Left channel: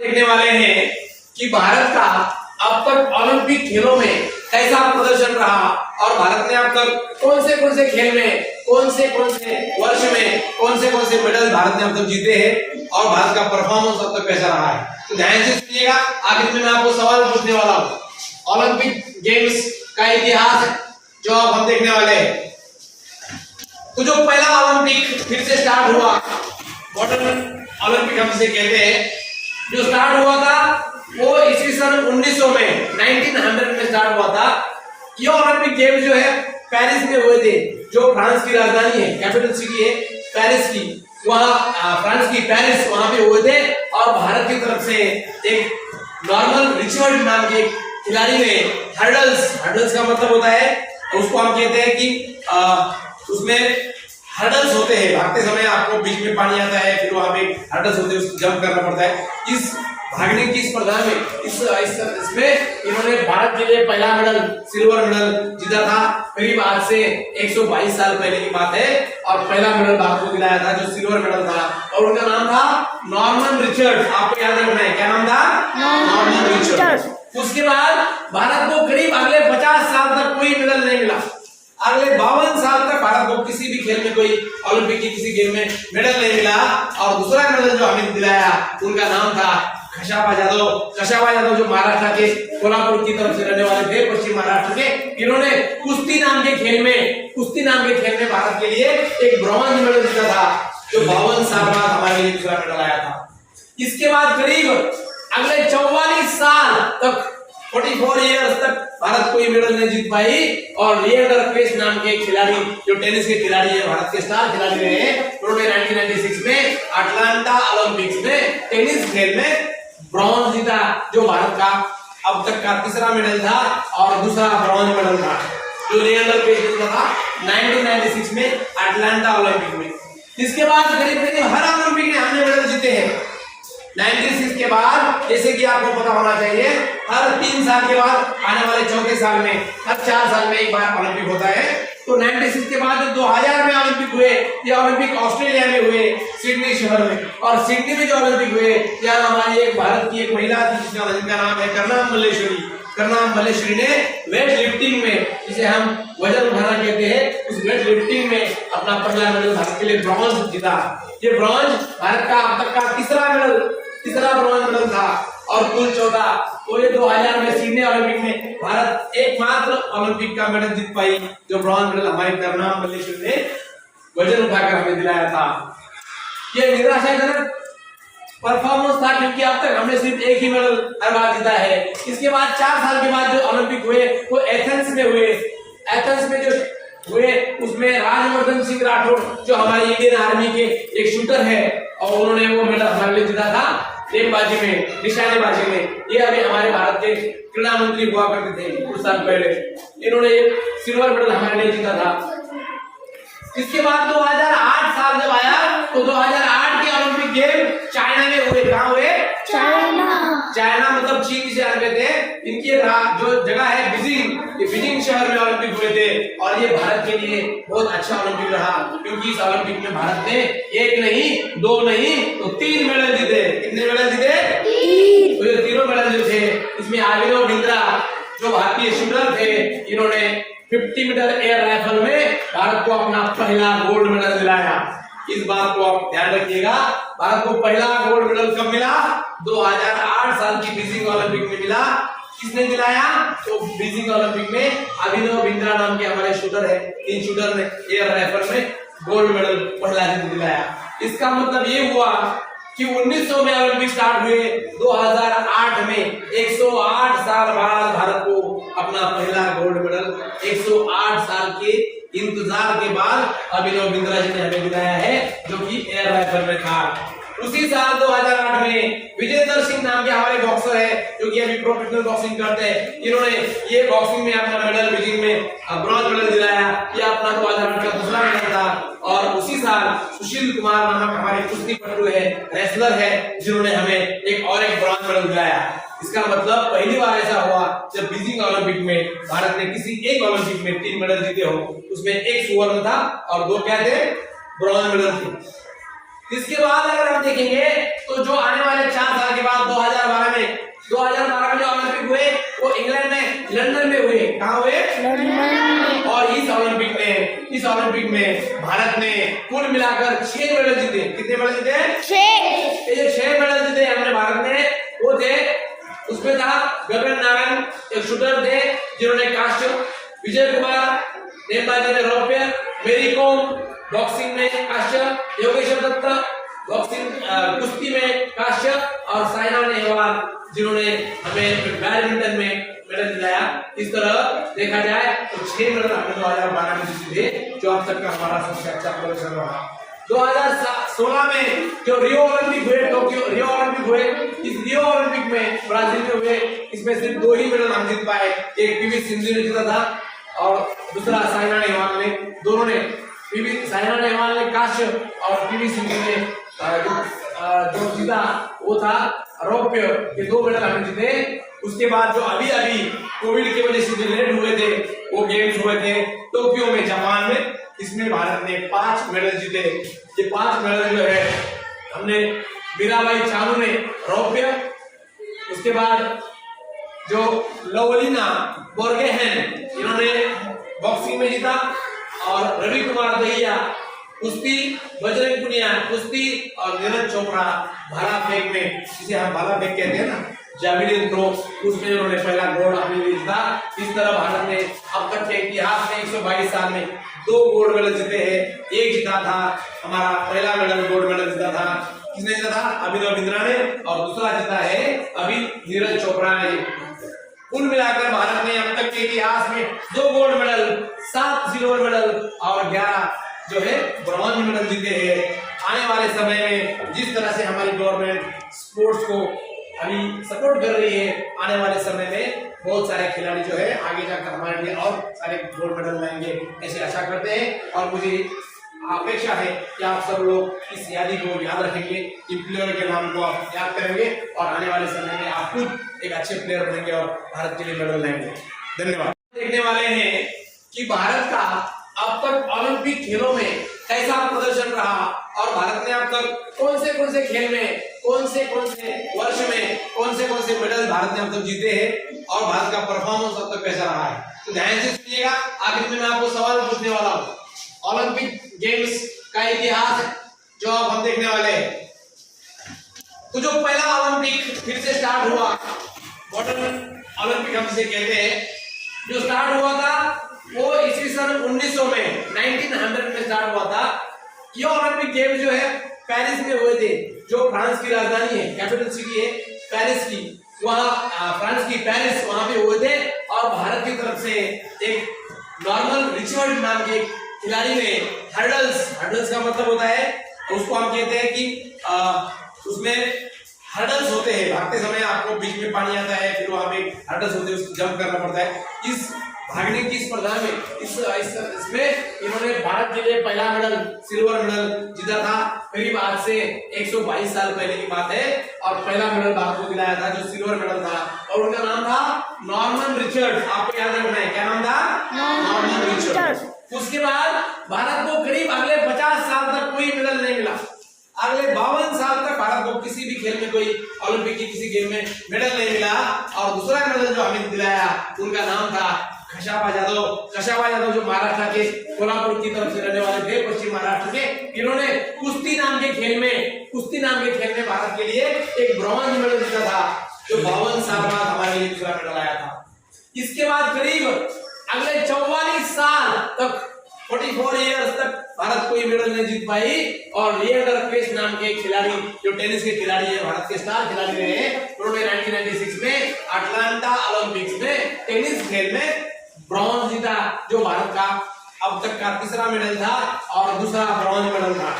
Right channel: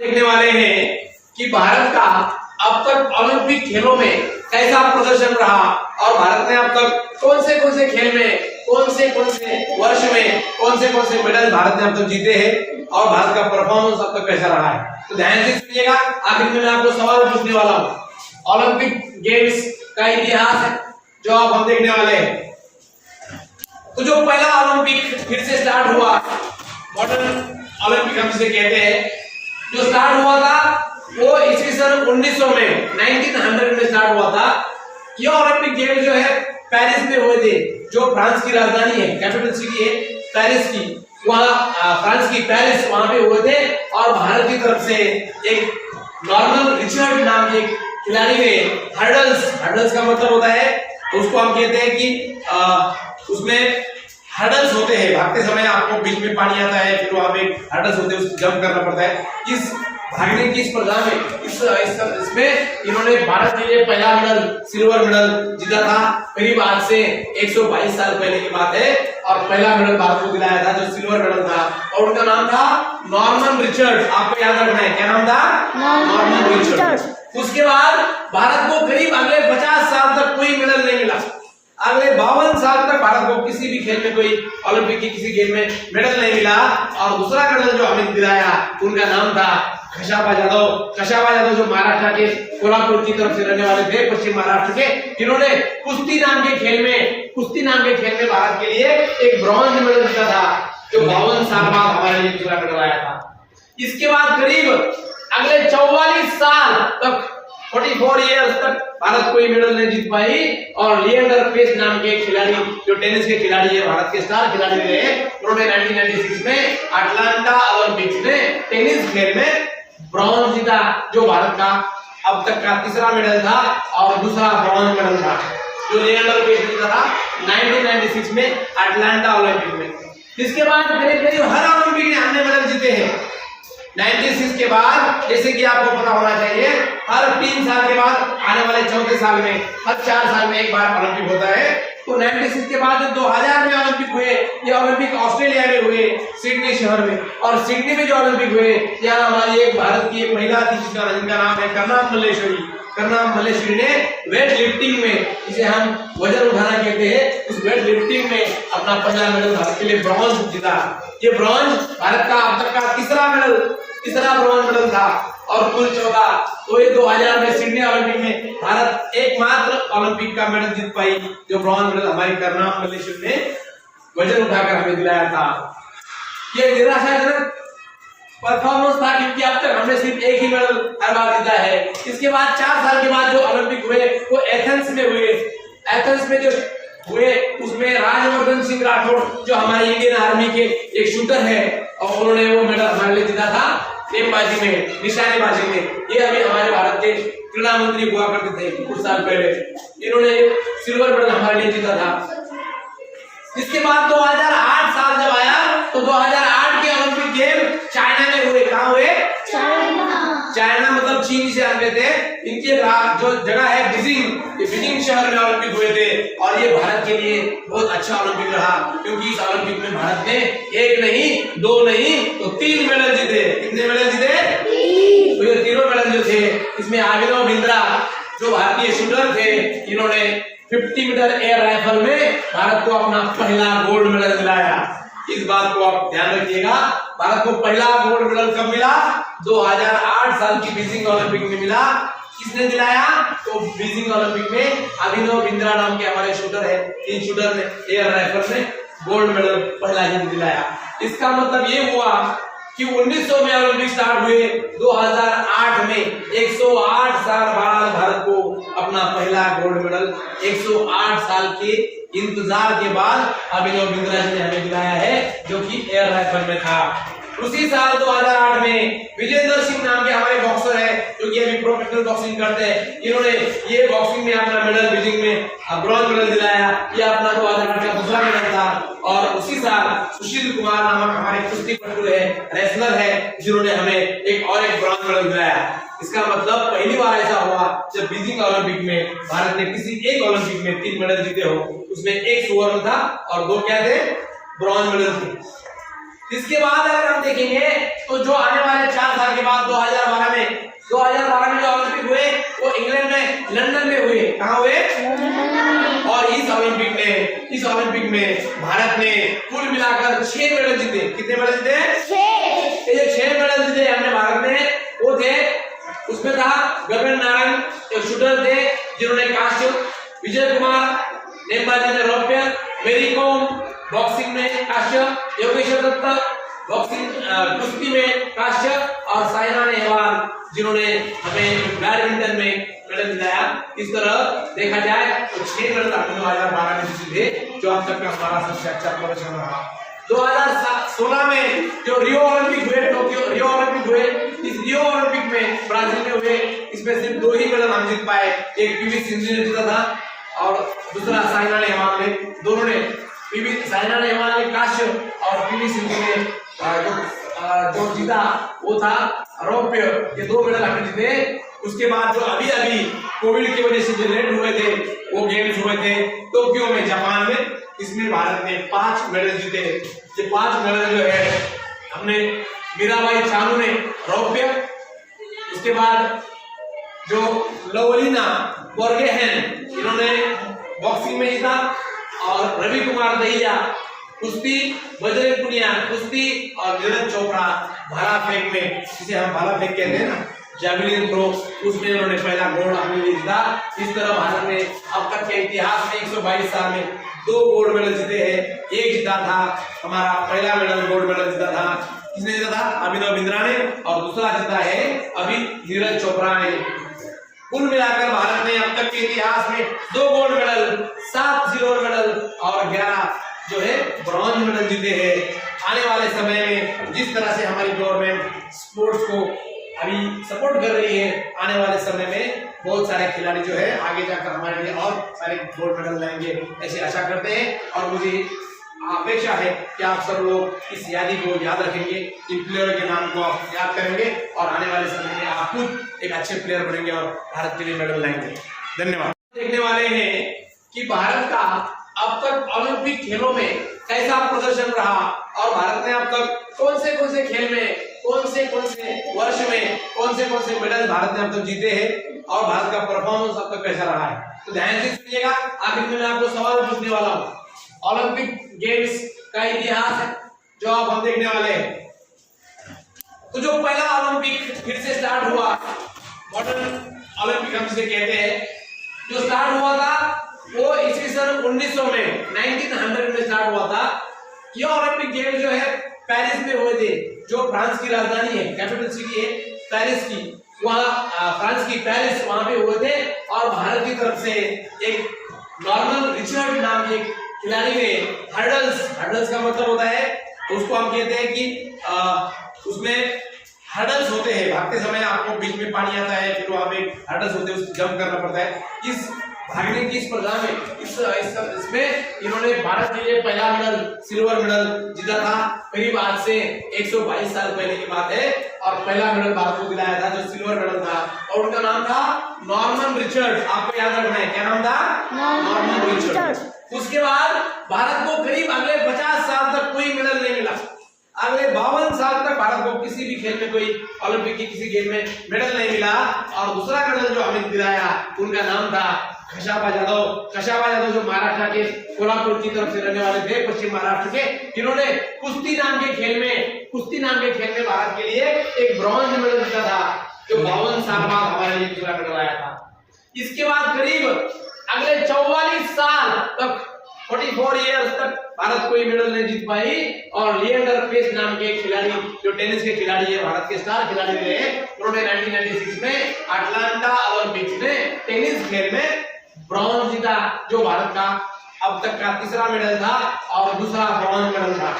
देखने वाले हैं कि भारत का अब तक ओलंपिक खेलों में कैसा प्रदर्शन रहा और भारत ने अब तक कौन से खेल में कौन से वर्ष में कौन से मेडल भारत ने अब तक जीते हैं और भारत का परफॉर्मेंस अब तक कैसा रहा है। तो ध्यान से सुनिएगा, आखिर में मैं आपको सवाल पूछने वाला हूँ। ओलंपिक गेम्स का इतिहास है जो अब हम देखने वाले हैं। तो जो पहला ओलंपिक फिर से स्टार्ट हुआ, मॉडर्न ओलंपिक हम इसे कहते हैं, जो स्टार्ट हुआ था वो ईस्वी सन 1900 में 1900 में स्टार्ट हुआ था। ये ओलंपिक गेम जो है पेरिस में हुए थे, जो फ्रांस की राजधानी है, कैपिटल सिटी है पेरिस की, वहाँ फ्रांस की पेरिस, वहाँ पे हुए थे। और भारत की तरफ से एक नॉर्मन रिचर्ड नाम के खिलाड़ी ने हर्डल्स का मतलब होता है, उसको हम कहते हैं कि उसमें हर्डल्स होते हैं, भागते समय आपको बीच में पानी आता है, फिर वहां पे हर्डल्स होते हैं, उसको जंप करना पड़ता है। इस भागने की स्पर्धा में इसमें इन्होंने भारत के लिए पहला मेडल, सिल्वर मेडल जीता था। करीब आज से 122 साल पहले की बात है और पहला मेडल भारत को दिलाया था जो सिल्वर मेडल था, और उनका नाम था नॉर्मन रिचर्ड। आपको याद रखना है, क्या नाम था? Norman Richard. उसके बाद भारत को करीब अगले 50 साल तक कोई मेडल नहीं मिला। अगले 52 साल तक भारत को किसी भी खेल में, कोई ओलंपिक के किसी गेम में मेडल नहीं मिला। और दूसरा मेडल जो हमें दिलाया उनका नाम था कशाबा यादव, जो महाराष्ट्र के कोल्हापुर की तरफ से रहने वाले थे, पश्चिम महाराष्ट्र के। इन्होंने कुश्ती नाम के खेल में भारत के लिए एक ब्रॉन्ज मेडल जीता था, जो 52 साल बाद हमारे लिए दूसरा मेडल आया था। इसके बाद करीब अगले 44 साल तक, 44 इयर्स तक भारत कोई मेडल नहीं जीत पाई। और लिएंडर पेस नाम के खिलाड़ी, जो टेनिस के खिलाड़ी है, भारत के स्टार खिलाड़ी रहे, उन्होंने 1996 में अटलांटा ओलंपिक्स में टेनिस खेल में ब्रॉन्ज जीता, जो भारत का अब तक का तीसरा मेडल था और दूसरा ब्रॉन्ज मेडल था, जो लिएंडर पेस ने जीता था 1996 में अटलांटा ओलंपिक में। इसके बाद करीब हर ओलंपिक में हमने मेडल जीते हैं। 96 के बाद, जैसे कि आपको पता होना चाहिए, हर 3 साल के बाद आने वाले चौथे साल में, हर 4 साल में एक बार ओलंपिक होता है। तो 96 के बाद जब 2000 में ओलंपिक हुए, ये ओलंपिक ऑस्ट्रेलिया में हुए, सिडनी शहर में। और सिडनी में जो ओलंपिक हुए, यहाँ हमारी एक भारत की एक महिला थी जिनका नाम है करनाम मल्लेश्वरी ने वेट लिफ्टिंग में, जिसे हम वजन उठाना कहते हैं, उस वेट लिफ्टिंग में अपना पहला मेडल भारत के लिए ब्रॉन्ज जीता। ये ब्रॉन्ज भारत का अब तक का तीसरा ब्रॉन्ज मेडल था और कुल 14। तो ये 2000 में सिडनी ओलंपिक में भारत एकमात्र ओलंपिक का मेडल जीत पाई, जो ब्रॉन्ज मेडल हमारी करनाम मल्लेश्वरी ने वजन उठाकर हमें दिलाया था। ये निराशाजनक परफॉर्मेंस था, क्योंकि अब तक हमने सिर्फ एक ही मेडल हर बार जीता है। इसके बाद 4 साल के बाद जो ओलंपिक हुए वो एथेंस में हुए। एथेंस में जो हुए उसमें राजवर्धन सिंह राठौड़, जो हमारी इंडियन आर्मी के एक शूटर है, और उन्होंने वो मेडल हमारे लिए जीता था नेमबाजी में, निशानेबाजी में। ये अभी हमारे भारत के क्रीड़ा मंत्री हुआ करते थे कुछ साल पहले, इन्होंने सिल्वर मेडल हमारे लिए जीता था। इसके बाद 2008 साल जब आया, तो 2008 के ओलंपिक गेम चाइना में हुए। कहाँ हुए? चाइना मतलब चीन जिसे जानते थे। इनकी जो जगह है बीजिंग, ये बीजिंग शहर में ओलंपिक हुए थे। और ये भारत के लिए बहुत अच्छा ओलंपिक रहा, क्योंकि इस ओलंपिक में भारत ने 1 नहीं 2 नहीं तो 3 मेडल जीते। कितने मेडल जीते? 3। तो ये तीनों मेडल जो थे, इसमें अभिनव बिंद्रा जो भारतीय शूटर थे, इन्होंने 50 मीटर एयर राइफल में भारत को अपना पहला गोल्ड मेडल दिलाया। इस बात को आप ध्यान रखिएगा, भारत को पहला गोल्ड मेडल कब मिला? 2008 साल की बीजिंग ओलंपिक में मिला। किसने दिलाया? तो बीजिंग ओलंपिक में अभिनव बिंद्रा नाम के हमारे शूटर है, इन शूटर ने एयर राइफल में गोल्ड मेडल पहला दिलाया। इसका मतलब ये हुआ कि 1900 में ओलंपिक स्टार्ट हुए, 2008 में 108 साल बाद भारत को अपना पहला गोल्ड मेडल, 108 साल के इंतजार के बाद अभिनव बिंद्रा जी ने हमें दिलाया है, जो कि एयर राइफल में था। उसी साल 2008 में विजेंदर सिंह नाम के हमारे बॉक्सर है, जो कि अभी प्रोफेशनल बॉक्सिंग करते हैं, इन्होंने ये बॉक्सिंग में अपना मेडल, बीजिंग में ब्रॉन्ज मेडल दिलाया। ये अपना 2008 का दूसरा मेडल था। और उसी साल सुशील कुमार नामक हमारे कुश्ती पटु है, रेसलर है, जिन्होंने हमें एक ब्रॉन्ज मेडल दिलाया। इसका मतलब पहली बार ऐसा हुआ जब बीजिंग ओलंपिक में भारत ने किसी एक ओलंपिक में 3 मेडल जीते हो। उसमें 1 स्वर्ण था और 2 क्या थे? ब्रॉन्ज मेडल थे। इसके बाद अगर हम देखेंगे तो जो आने वाले 4 साल के बाद 2012 में जो ओलंपिक हुए वो इंग्लैंड में लंदन में हुए। कहाँ हुए? और इस ओलंपिक में भारत ने कुल मिलाकर 6 मेडल जीते। कितने मेडल जीते? 6। ये 6 मेडल जीते हमने भारत ने, वो थे उसमें था गगन नारायण एक शूटर थे जिन्होंने कांस्य, विजय कुमार नेमबाजी में रौप्य, मेरी कॉम बॉक्सिंग में कांस्य, योगेश्वर दत्त बॉक्सिंग कुश्ती में कांस्य और साइना नेहवाल जिन्होंने हमें बैडमिंटन में मेडल दिलाया। इस तरह देखा जाए तो 6 मेडल हमने 2012 में जीते जो अब तक का हमारा सबसे अच्छा प्रदर्शन रहा। 2016 में जो रियो ओलंपिक हुए, टोक्यो रियो ओलंपिक हुए, इस रियो ओलंपिक में ब्राजील में हुए, इसमें सिर्फ 2 ही मेडल हम जीत पाए। एक पीवी सिंधु ने जीता था और दूसरा साइना नेहवाल ने। दोनों ने साइना नेहवाल ने कांस्य और पीवी सिंधु ने जो जीता वो था रौप्य। ये 2 मेडल हमने जीते। उसके बाद जो अभी कोविड की वजह से जो लेट हुए थे वो गेम्स हुए थे टोक्यो में जापान में, इसमें भारत ने 5 मेडल जीते। ये 5 मेडल जो है हमने मीराबाई चानू ने रौप्य, उसके बाद जो लवलीना बोर्गेहेन इन्होंने बॉक्सिंग में जीता और रवि कुमार दहिया कुश्ती, बजरंग पुनिया कुश्ती और नीरज चोपड़ा भाला फेंक में, जिसे हम भाला फेंक कहते हैं ना, जैवलिन थ्रो, उसमें उन्होंने पहला गोल्ड अपने लिए जीता। इस तरह भारत ने अब तक के इतिहास में 122 साल में 2 गोल्ड मेडल जीते हैं। एक जीता था हमारा पहला मेडल गोल्ड मेडल जीता था, किसने जीता था? अभिनव बिंद्रा ने, और दूसरा जीता है अभी नीरज चोपड़ा ने। कुल मिलाकर भारत ने अब तक के इतिहास में 2 गोल्ड मेडल, 7 सिल्वर मेडल और 11 जो है ब्रॉन्ज मेडल जीते हैं। आने वाले समय में जिस तरह से हमारी गवर्नमेंट स्पोर्ट्स को अभी सपोर्ट कर रही है, आने वाले समय में बहुत सारे खिलाड़ी जो है आगे जाकर हमारे लिए और सारे गोल्ड मेडल लाएंगे, ऐसे आशा करते हैं। और मुझे अपेक्षा है कि आप सब लोग इस यादी को याद रखेंगे, इन प्लेयर के नाम को आप याद करेंगे और आने वाले समय में आप खुद एक अच्छे प्लेयर बनेंगे और भारत के लिए मेडल लाएंगे। धन्यवाद। देखने वाले हैं कि भारत का अब तक ओलंपिक खेलों में कैसा प्रदर्शन रहा और भारत ने अब तक कौन से खेल में कौन से वर्ष में कौन से मेडल भारत ने अब तक जीते हैं और भारत का परफॉर्मेंस अब तक कैसा रहा है। तो ध्यान से सुनिएगा, आखिर में मैं आपको सवाल पूछने वाला हूँ। ओलंपिक गेम्स का इतिहास है जो अब हम देखने वाले हैं। तो जो पहला ओलंपिक फिर से स्टार्ट हुआ, मॉडर्न ओलंपिक हम इसे कहते हैं, जो स्टार्ट हुआ था वो ईस्वी सन 1900 में 1900 में स्टार्ट हुआ था। ये ओलंपिक गेम जो है पेरिस में हुए थे, जो फ्रांस की राजधानी है, कैपिटल सिटी है पेरिस की, वहाँ फ्रांस की पेरिस वहाँ पे हुए थे। और भारत की तरफ से एक नॉर्मन रिचर्ड नाम के खिलाड़ी ने हर्डल्स का मतलब होता है, उसको हम कहते हैं कि उसमें हर्डल्स होते हैं, भागते समय आपको बीच में पानी आता है, फिर वहाँ पे हर्डल्स होते हैं, उसको जंप करना पड़ता है। इस भागने की स्पर्धा में इसमें इन्होंने भारत के लिए पहला मेडल, सिल्वर मेडल जीता था। करीब आज से 122 साल पहले की बात है और पहला मेडल भारत को दिलाया था जो सिल्वर मेडल था और उनका नाम था नॉर्मन रिचर्ड। आपको याद रखना है, क्या नाम था? Norman Richard. उसके बाद भारत को करीब अगले 50 साल तक कोई मेडल नहीं मिला। अगले 52 साल तक भारत को किसी भी खेल में, कोई ओलंपिक की किसी गेम में मेडल नहीं मिला। और दूसरा मेडल जो हमें दिलाया उनका नाम था कशापा यादव जो महाराष्ट्र के कोल्हापुर की तरफ से रहने वाले थे, पश्चिम महाराष्ट्र के। इन्होंने कुश्ती नाम के खेल में भारत के लिए एक ब्रॉन्ज मेडल जीता था, जो 52 साल बाद हमारे लिए दूसरा मेडल आया था। इसके बाद करीब अगले 44 साल तक 44 इयर्स तक भारत कोई मेडल नहीं जीत पाई। और लिएंडर पेस नाम के खिलाड़ी, जो टेनिस के खिलाड़ी है, भारत के स्टार खिलाड़ी रहे, उन्होंने 1996 में अटलांटा ओलंपिक्स में टेनिस खेल में ब्रॉन्ज जीता, जो भारत का अब तक का तीसरा मेडल था और दूसरा ब्रॉन्ज मेडल था,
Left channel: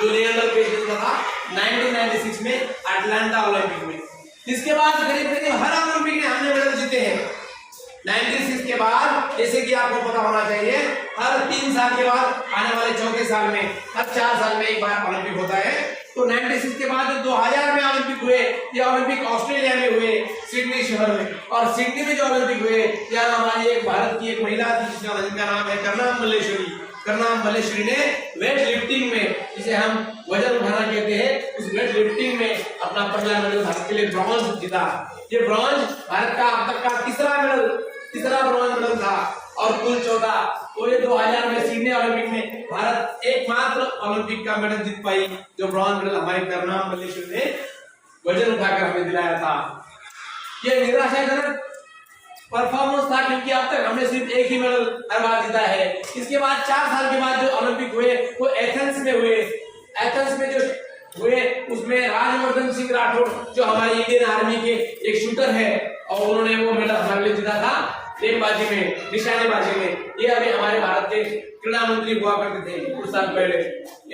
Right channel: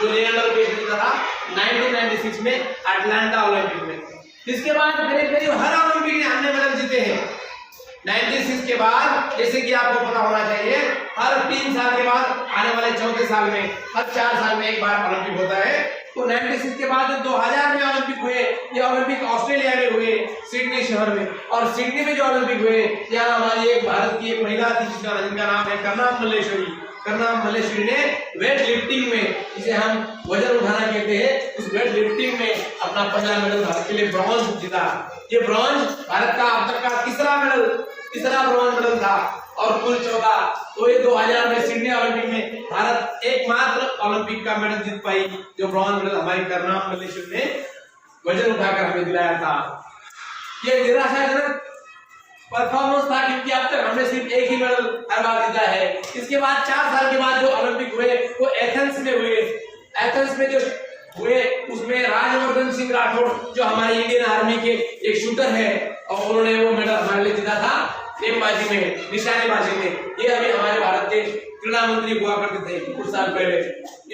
जो लिएंडर पेस ने जीता था 1996 में अटलांटा ओलंपिक में। इसके बाद करीब हर ओलंपिक में हमने मेडल जीते हैं। 96 के बाद, जैसे कि आपको पता होना चाहिए, हर 3 साल के बाद आने वाले चौथे साल में, हर 4 साल में एक बार ओलंपिक होता है। तो 96 के बाद जो 2000 में ओलंपिक हुए, ये ओलंपिक ऑस्ट्रेलिया में हुए, सिडनी शहर में। और सिडनी में जो ओलंपिक हुए, यहाँ हमारी एक भारत की एक महिला थी जिनका नाम है कर्णम मल्लेश्वरी। करनाम मल्लेश्वरी ने वेट लिफ्टिंग में, जिसे हम वजन उठाना कहते हैं, उस वेट लिफ्टिंग में अपना पहला मेडल भारत के लिए ब्रॉन्ज जीता। ये ब्रॉन्ज भारत का अब तक का तीसरा ब्रॉन्ज मेडल था और कुल 14। तो ये 2000 में सिडनी ओलंपिक में भारत एकमात्र ओलंपिक का मेडल जीत पाई जो ब्रॉन्ज मेडल हमारी करनाम मल्लेश्वरी ने वजन उठाकर हमें दिलाया था। ये निराशाजनक परफॉर्मेंस था क्योंकि अब तक हमने सिर्फ एक ही मेडल हर बार जीता है। इसके बाद 4 साल के बाद जो ओलंपिक हुए वो एथेंस में हुए। एथेंस में जो हुए उसमें राजवर्धन सिंह राठौड़ जो हमारे इंडियन आर्मी के एक शूटर है और उन्होंने वो मेडल हमारे लिए जीता था नेमबाजी में, निशानेबाजी में। ये अभी हमारे भारत के क्रीड़ा मंत्री हुआ करते थे कुछ साल पहले,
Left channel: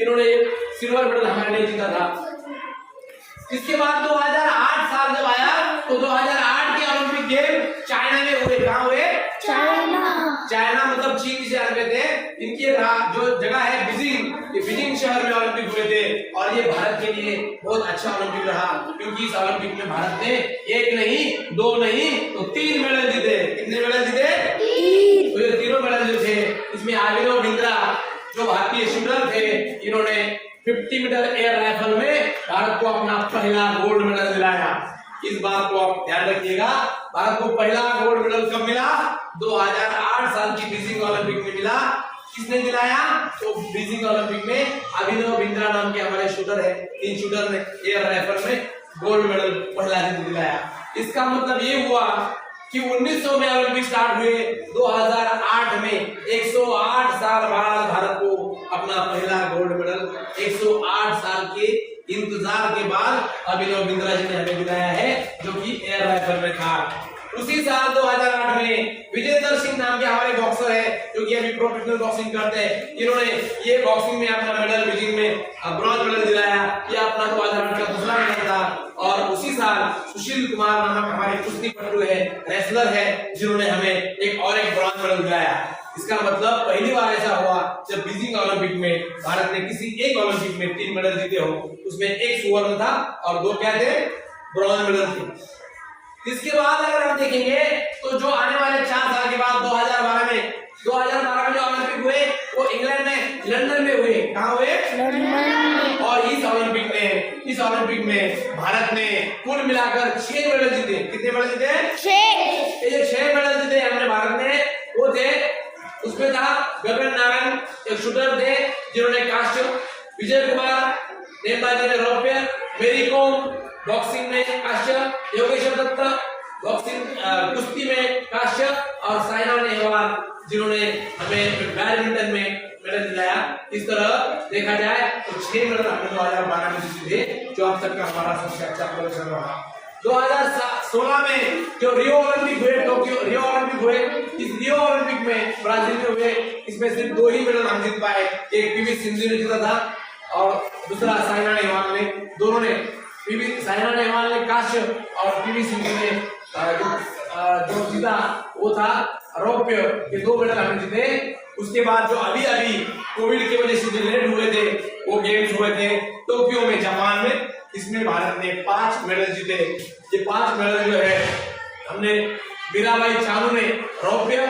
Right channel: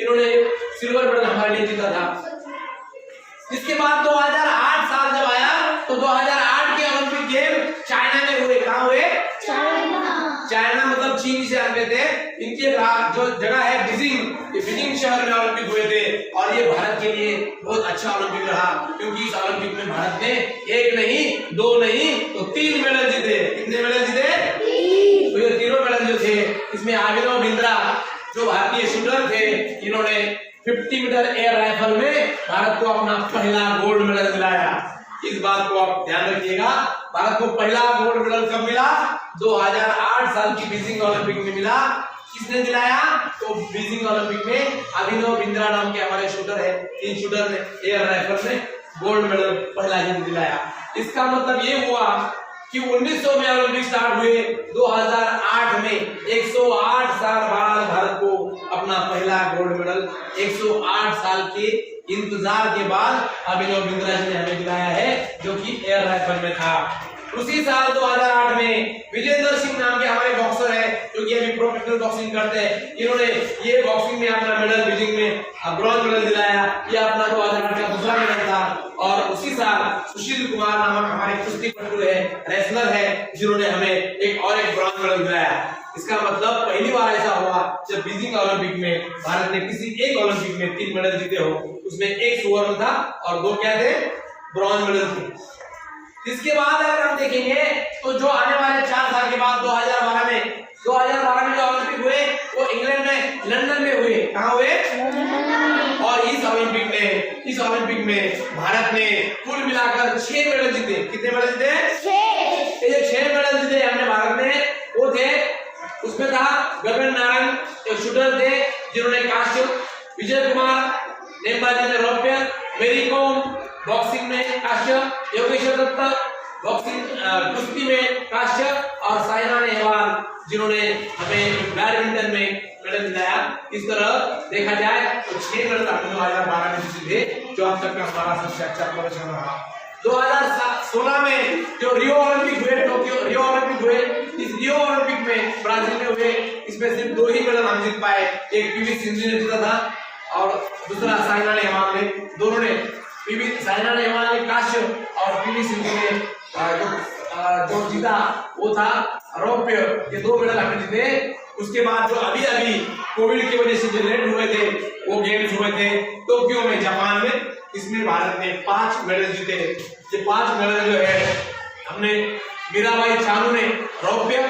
इन्होंने सिल्वर मेडल हमारे लिए जीता था। इसके बाद 2008 साल जब आया तो 2008 के ओलंपिक गेम चाइना में हुए। कहाँ हुए? चाइना मतलब चीन जिसे जानते थे। इनके जो जगह है बीजिंग, ये बीजिंग शहर में ओलंपिक हुए थे और ये भारत के लिए बहुत अच्छा ओलंपिक रहा क्योंकि इस ओलंपिक में भारत ने 1 नहीं 2 नहीं तो 3 मेडल जीते। कितने मेडल जीते? 3। तो ये तीनों मेडल जो थे इसमें अभिनव बिंद्रा जो भारतीय शूटर थे, इन्होंने 50 मीटर एयर राइफल में भारत को अपना पहला गोल्ड मेडल दिलाया। इस बात को आप ध्यान रखिएगा, भारत को पहला गोल्ड मेडल कब मिला? 2008 साल की बीजिंग ओलंपिक में मिला। किसने दिलाया? तो बीजिंग ओलंपिक में अभिनव बिंद्रा नाम के हमारे शूटर है, इन शूटर ने एयर राइफल में गोल्ड मेडल पहला दिलाया। इसका मतलब ये हुआ कि 1900 में ओलंपिक स्टार्ट हुए, 2008 में 108 साल बाद भारत को अपना पहला गोल्ड मेडल 108 साल के इंतजार के बाद अभिनव बिंद्रा जी ने हमें दिलाया है जो कि एयर राइफल में था। उसी साल 2008 में विजेंदर सिंह नाम के हमारे बॉक्सर है जो कि अभी प्रोफेशनल बॉक्सिंग करते हैं, इन्होंने ये बॉक्सिंग में अपना मेडल बीजिंग में ब्रॉन्ज मेडल दिलाया। ये अपना 2008 का दूसरा मेडल था। और उसी साल सुशील कुमार नामक हमारे कुश्ती पटु है, रेसलर है, जिन्होंने हमें एक ब्रॉन्ज मेडल दिलाया। इसका मतलब पहली बार ऐसा हुआ जब बीजिंग ओलंपिक में भारत ने किसी एक ओलंपिक में 3 मेडल जीते हो, उसमें 1 स्वर्ण था और 2 क्या थे? ब्रॉन्ज मेडल थे। इसके बाद अगर हम देखेंगे तो जो आने वाले 4 साल के बाद 2012 में जो ओलंपिक हुए वो इंग्लैंड में लंदन में हुए। कहाँ हुए? और इस ओलंपिक में भारत ने कुल मिलाकर 6 मेडल जीते। कितने मेडल जीते? 6। ये 6 मेडल जीते हमने भारत ने, वो थे उसमें था गगन नारंग एक शूटर थे जिन्होंने कांस्य, विजय कुमार नेमबाजी में रौप्य, मेरी कॉम बॉक्सिंग में कांस्य, योगेश्वर दत्त बॉक्सिंग कुश्ती में कांस्य और साइना नेहवाल जिन्होंने हमें बैडमिंटन में मेडल दिलाया। इस तरह देखा जाए तो 6 मेडल हमने 2012 में जीते जो अब तक का हमारा सबसे अच्छा प्रदर्शन रहा। 2016 में जो रियो ओलंपिक हुए, इस रियो ओलंपिक में ब्राजील में हुए, इसमें सिर्फ 2 ही मेडल हम जीत पाए। एक पीवी सिंधु ने जीता था और दूसरा साइना नेहवाल ने। दोनों ने साइना नेहवाल ने कांस्य और पीवी सिंधु ने जो जीता वो था रौप्य। ये 2 मेडल हमने जीते। उसके बाद जो अभी कोविड की वजह से जो लेट हुए थे वो गेम्स हुए थे टोक्यो में, जापान में, इसमें भारत ने 5 मेडल जीते। ये 5 मेडल जो है हमने मीराबाई चानू ने रौप्य,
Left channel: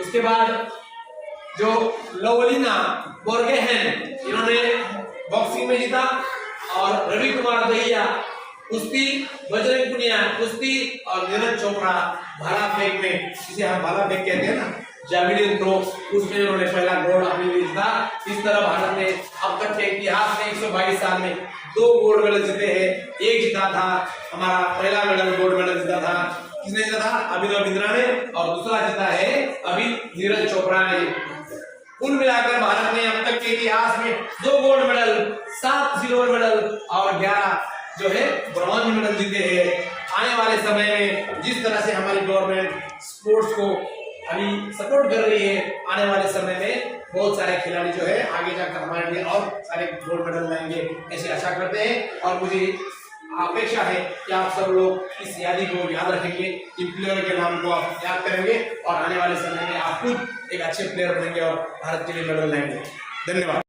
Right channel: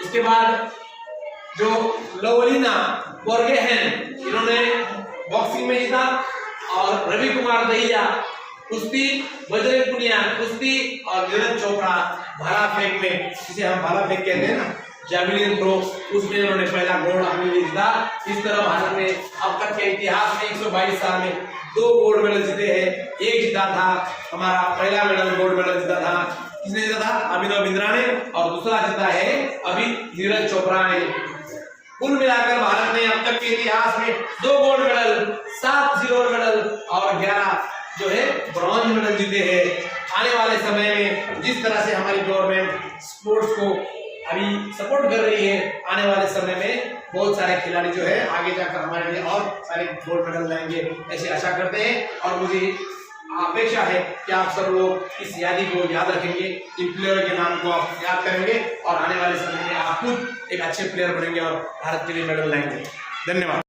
उसके बाद जो लवलीना बोर्गेहेन इन्होंने बॉक्सिंग में जीता और रवि कुमार दहिया कुश्ती, बजरंग पुनिया कुश्ती और नीरज चोपड़ा भाला फेंक में, जिसे हम भाला फेंक कहते हैं ना, जैवलिन थ्रो, उसमें उन्होंने पहला गोल्ड अपने लिए जीता। इस तरह भारत ने अब तक के इतिहास में 122 साल में 2 गोल्ड मेडल जीते हैं। एक जीता था हमारा पहला मेडल गोल्ड मेडल जीता था, किसने जीता था? अभिनव बिंद्रा ने, और दूसरा जीता है अभी नीरज चोपड़ा ने। कुल मिलाकर भारत ने अब तक के इतिहास में 2 गोल्ड मेडल, 7 सिल्वर मेडल और 11 जो है ब्रॉन्ज मेडल जीते हैं। आने वाले समय में जिस तरह से हमारी गवर्नमेंट स्पोर्ट्स को अभी सपोर्ट कर रही है, आने वाले समय में बहुत सारे खिलाड़ी जो है आगे जाकर हमारे लिए और सारे गोल्ड मेडल लाएंगे, ऐसी आशा करते हैं। और मुझे अपेक्षा है कि आप सब लोग इस यादी को याद रखेंगे, इन प्लेयर के नाम को आप याद करेंगे और आने वाले समय में आप खुद एक अच्छे प्लेयर बनेंगे और भारत के लिए मेडल लाएंगे। धन्यवाद।